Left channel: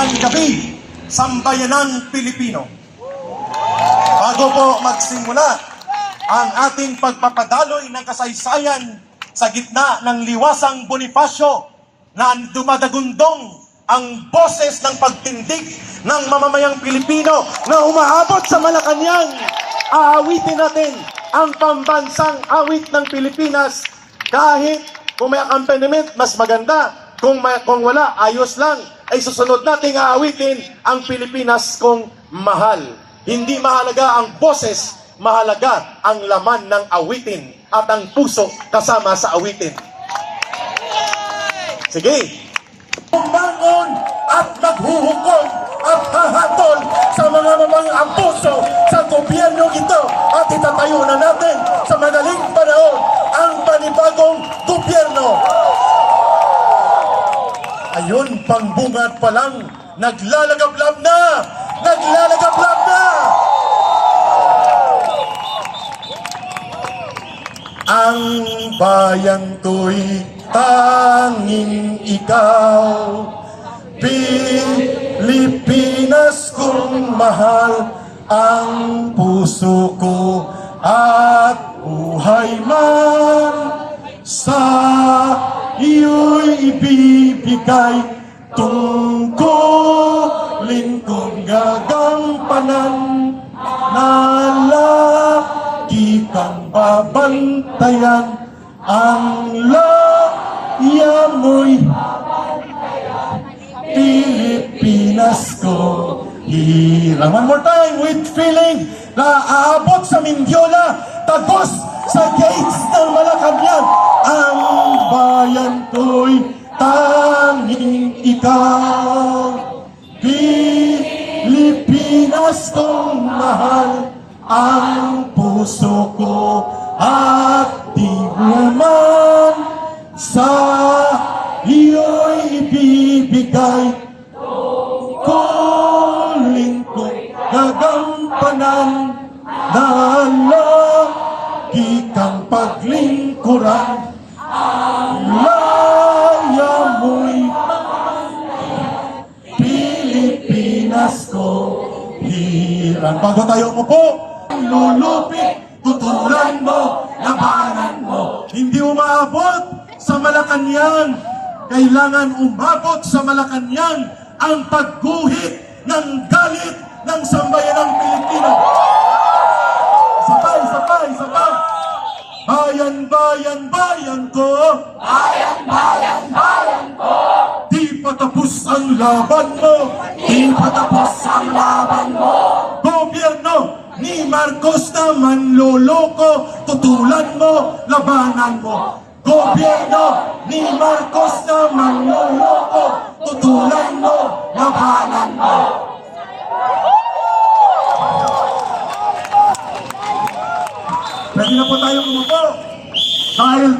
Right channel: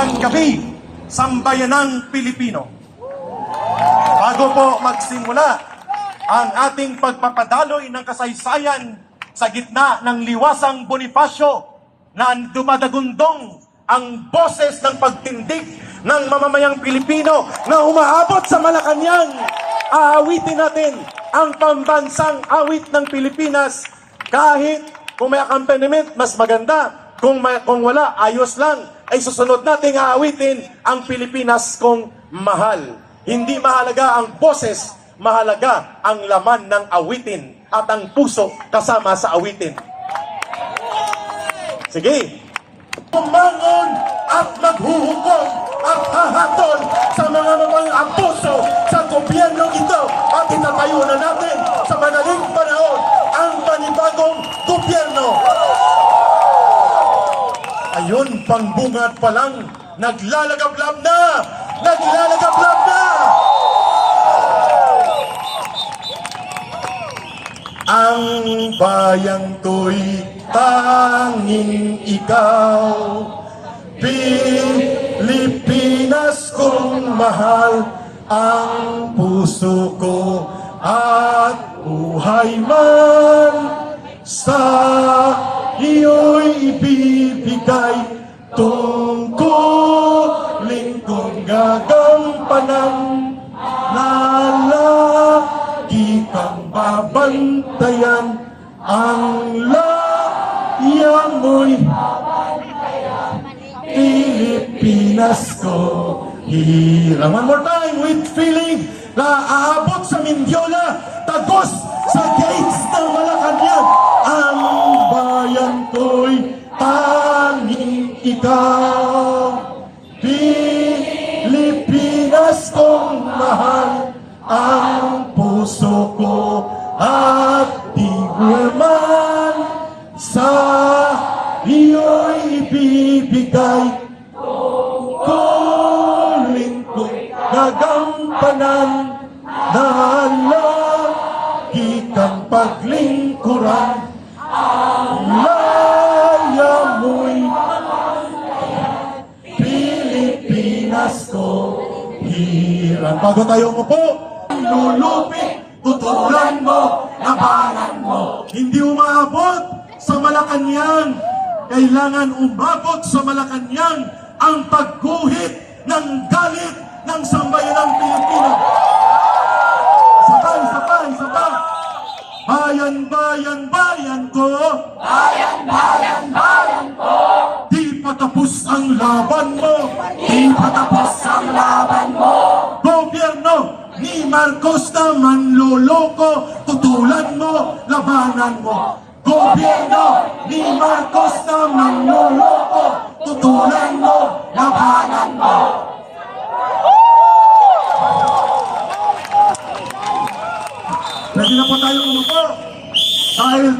ng gabi, sambayanang Pilipino. Bago po magsimula ang ating pagpapadaloy ng kasaysayan sa gitna ng liwasang Bonifacio na dumadagundong ang boses ng pagtindig ng mamamayang Pilipino na umaabot sa Malacanang, aawitin natin ang pambansang awit ng Pilipinas. Kahit kung may accompaniment, mas maganda. Kung wala, ayos lang. Ay susunod nating aawitin ang Pilipinas kong mahal. Hindi mahalaga ang boses, mahalaga ang laman ng awitin at ang puso kasama sa awitin. Sige. Bumangon at maghuhukom at hahatol sa mga ang puso sa gobyerno ito at itatayo na natin sa madaling panahon ang panibagong gobyerno. Ayun, pangbungad pa lang, naglalagablab na! Naglalagablab na! Ang bayan ko'y tanging ikaw, Pilipinas kong mahal, ang puso ko at buhay man sa iyo'y ibibigay, tungkulin kong gagampanan na lagi kang babantayan, ang laya mo'y Pilipinas ko. One more time with feeling na aabot sa Mindiola, tagos sa gates ng Malacanang. Ang bayan ko'y tanging ikaw, Pilipinas kong mahal, ang puso ko at di man sa iyo'y ibibigay, tungkulin ko'y gagampanan na lagi kang paglingkuran, ang laya mo'y Pilipinas ko hirang. Bago tayo umupo, lulupit, tutulan mo, labanan mo. Hindi umabot sa Malacanang. Kailangan umabot sa Malacanang ang pagguhit ng galit ng sambayanang Pilipino. Sabay. Bayan, bayan, bayan ko. Bayan, bayan, bayan ko. Di patapos ang laban mo. Di patapos ang laban mo. Gobyerno ni Marcos na manloloko, tutulan mo, labanan mo. Gobyerno ni Marcos na manloloko, tutulan mo, labanan mo. Pwede na po tayong umupo. Dahil